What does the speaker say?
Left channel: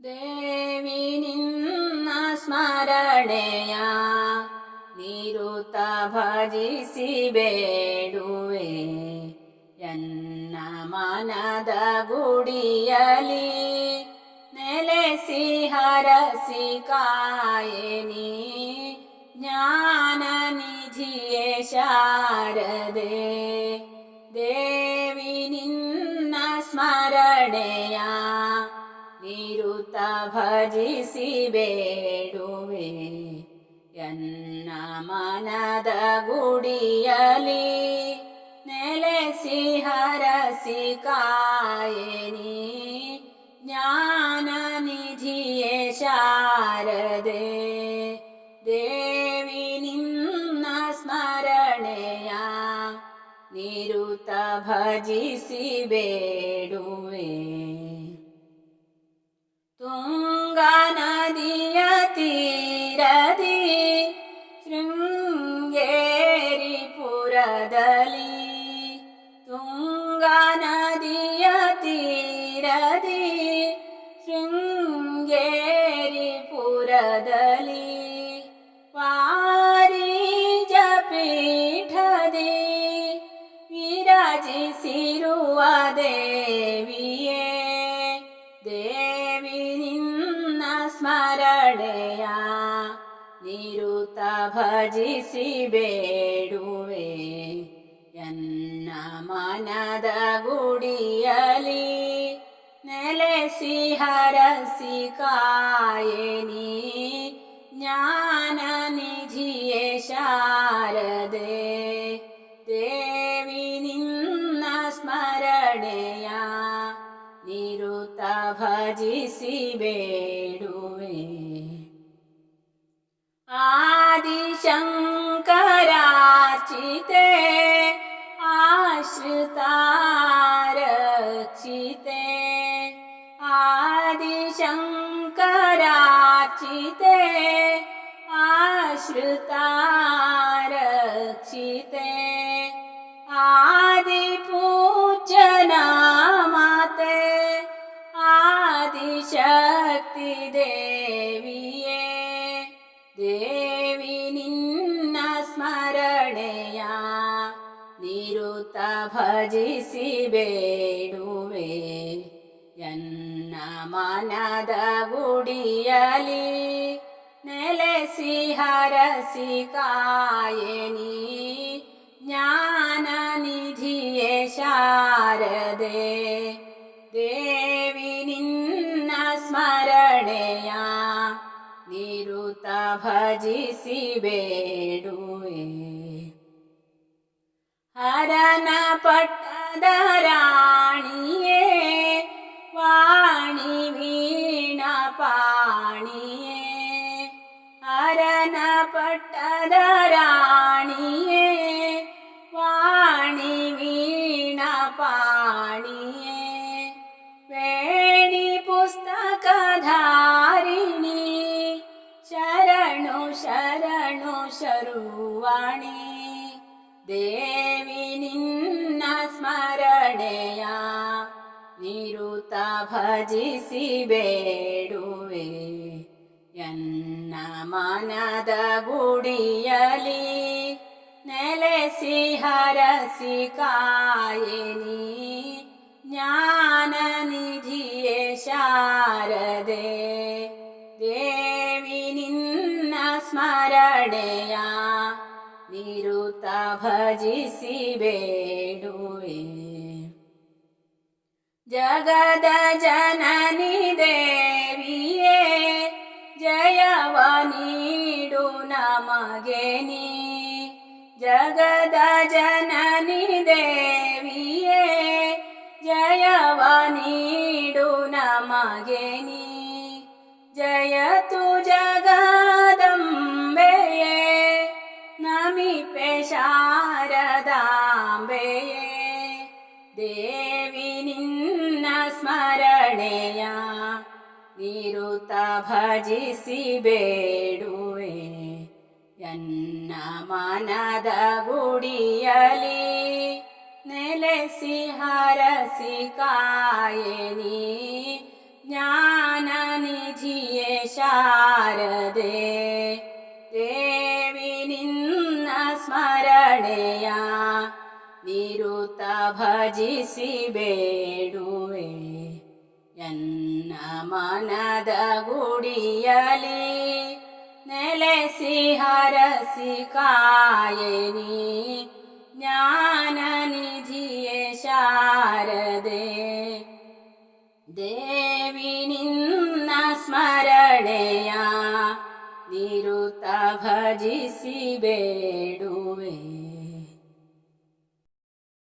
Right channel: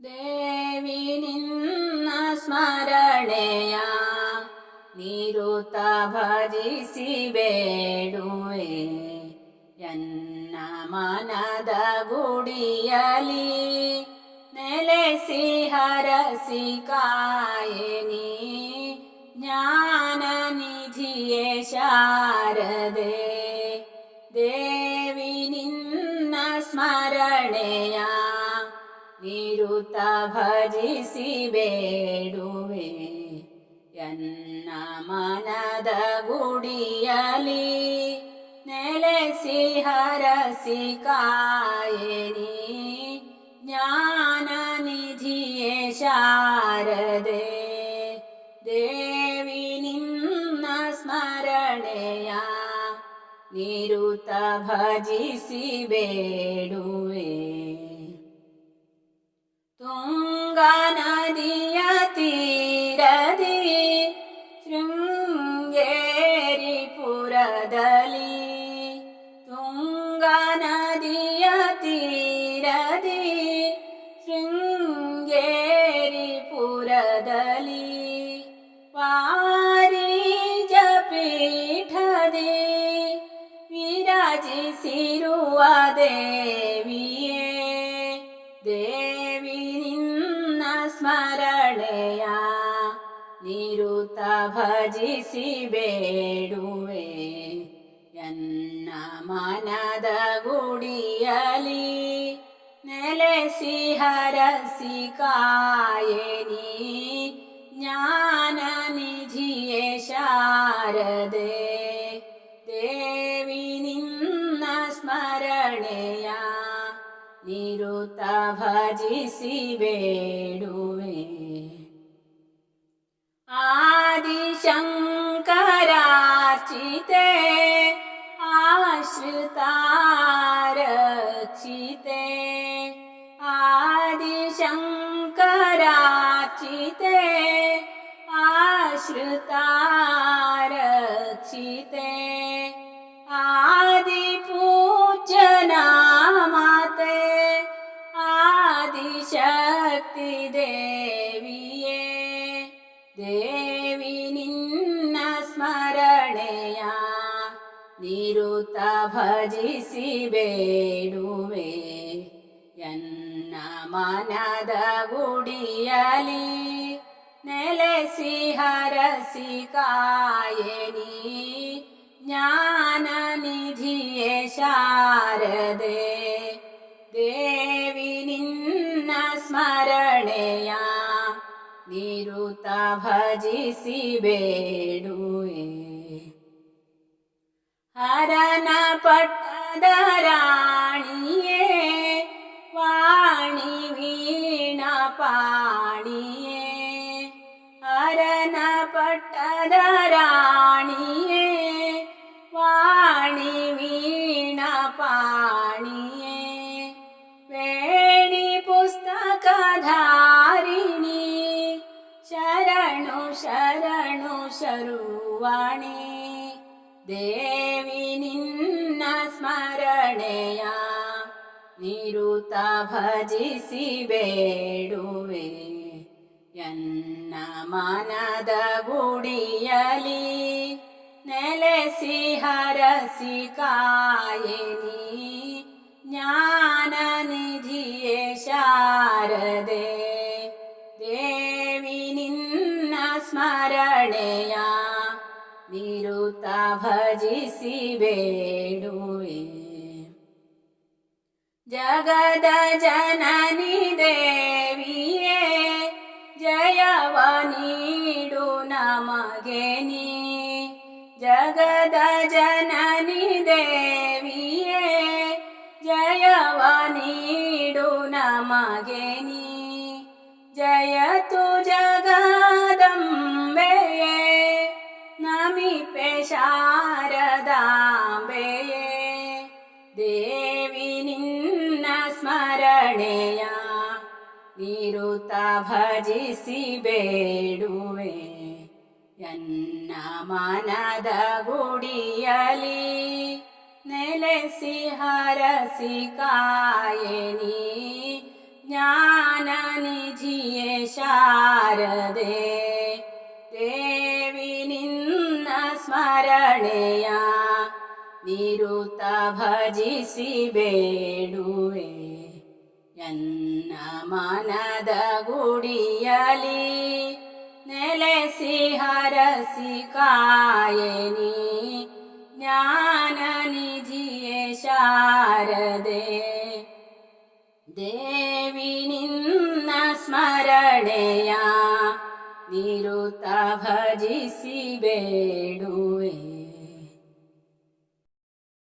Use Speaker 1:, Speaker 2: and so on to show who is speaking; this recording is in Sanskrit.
Speaker 1: ದೇವಿ ನಿನ್ನ ಸ್ಮರಣೆಯ ನಿರುತ ಭಜಿಸಿ ಬೇಡುವೆ ಎನ್ನ ಮನದ ಗುಡಿಯಲಿ ನೆಲೆಸಿ ಹರಸಿ ಕಾಯನಿ ಜ್ಞಾನ ನಿಧಿಯೇ ಶಾರದೆ ದೇವಿ ಭಜಿಸಿ ಬೇಡುವೆ ಎನ್ನ ಮನದ ಗುಡಿಯಲಿ ನೆಲೆಸಿ ಹರಸಿ ಕಾಯನಿ ಜ್ಞಾನ ನಿಧಿಯೇ ಶಾರದೆ ದೇವಿ ನಿನ್ನ ಸ್ಮರಣೆಯ ನಿರುತ ಭಜಿಸಿ ಬೇಡುವೆ ತುಂಗಾ ತೀರದಿ ಶೃಂಗೇರಿ ಪುರದಲ್ಲಿ ತುಂಗಾ ನದಿಯ ತೀರದಿ ಶೃಂಗೇರಿ ಪುರದಲ್ಲಿ ವಾರಿಜ ಪೀಠದಿ ವಿರಾಜಿಸಿರುವ ದೇವಿ ಭಜಿಸಿ ಬೇಡುವೆ ಎನ್ನ ಮನದ ಗುಡಿಯಲಿ ನೆಲೆಸಿ ಹರಸಿ ಕಾಯನಿ ಜ್ಞಾನ ನಿಧಿಯೇ ಶಾರದೆ ದೇವಿ ನಿನ್ನ ಸ್ಮರಣೆಯ ನಿರುತ ಭಜಿಸಿ ಬೇಡುವೆ आदिशङ्करार्चिते आश्रितारक्षिते आदिशङ्करार्चिते आश्रितारक्षिते आदिपूजना मा ते ನಿರುತ ಭಜಿಸಿ ಬೇಡುವೆ ಎನ್ನ ಮನದ ಗುಡಿಯಲಿ ನೆಲೆಸಿ ಹರಸಿ ಕಾಯನಿ ಜ್ಞಾನ ನಿಧಿಯೇ ಶಾರದೆ ದೇವಿ ನಿನ್ನ ಸ್ಮರಣೆಯ ನಿರುತ ಭಜಿಸಿ ಬೇಡುವೆ ഹരണപ്പെട്ടതാരാണിയേ വാണി വീണ പാണിയേ. ഹരണപ്പെട്ടതാരാണിയേ വാണി വീണ പാണിയേ. വേണി പുസ്തകധാരിണി ശരണു ശരണു ശരുവാണി. ദേ ಸ್ಮರಣೆಯ ನಿರುತ ಭಜಿಸಿ ಬೇಡುವೆ. ಎನ್ನ ಮನದ ಗುಡಿಯಲಿ ನೆಲೆಸಿ ಹರಸಿ ಕಾಯನಿ. ಜ್ಞಾನ ನಿಧಿಯೇ ಶಾರದೆ. ದೇವಿ ನಿನ್ನ ಸ್ಮರಣೆಯ ನಿರುತ ಭಜಿಸಿ ಬೇಡುವೆ. जगद जननि देवी ए जयनीडुनामागेनि जगदजननि देवी ये जयवाडुनमागेनि जय जयतु जगदम्बे नमि पेशार ಭಜಿಸಿ ಬೇಡುವೆ ಎನ್ನ ಮನದ ಗುಡಿಯಲಿ ನೆಲೆಸಿ ಹರಸಿ ಕಾಯನಿ ಜ್ಞಾನ ಶಾರದೆ ದೇವಿ ನಿನ್ನ ಸ್ಮರಣೆಯ ನಿರುತ ಭಜಿಸಿ ಬೇಡುವೆ ಎನ್ನ ಮನದ ಗುಡಿಯಲಿ ನೆಲೆಸಿ ಹರಸಿ ಕಾಯನಿ ಜ್ಞಾನ ನಿಧಿಯೇ ಶಾರದೆ ದೇವಿ ನಿನ್ನ ಸ್ಮರಣೆಯ ನಿರುತ ಭಜಿಸಿ ಬೇಡುವೆ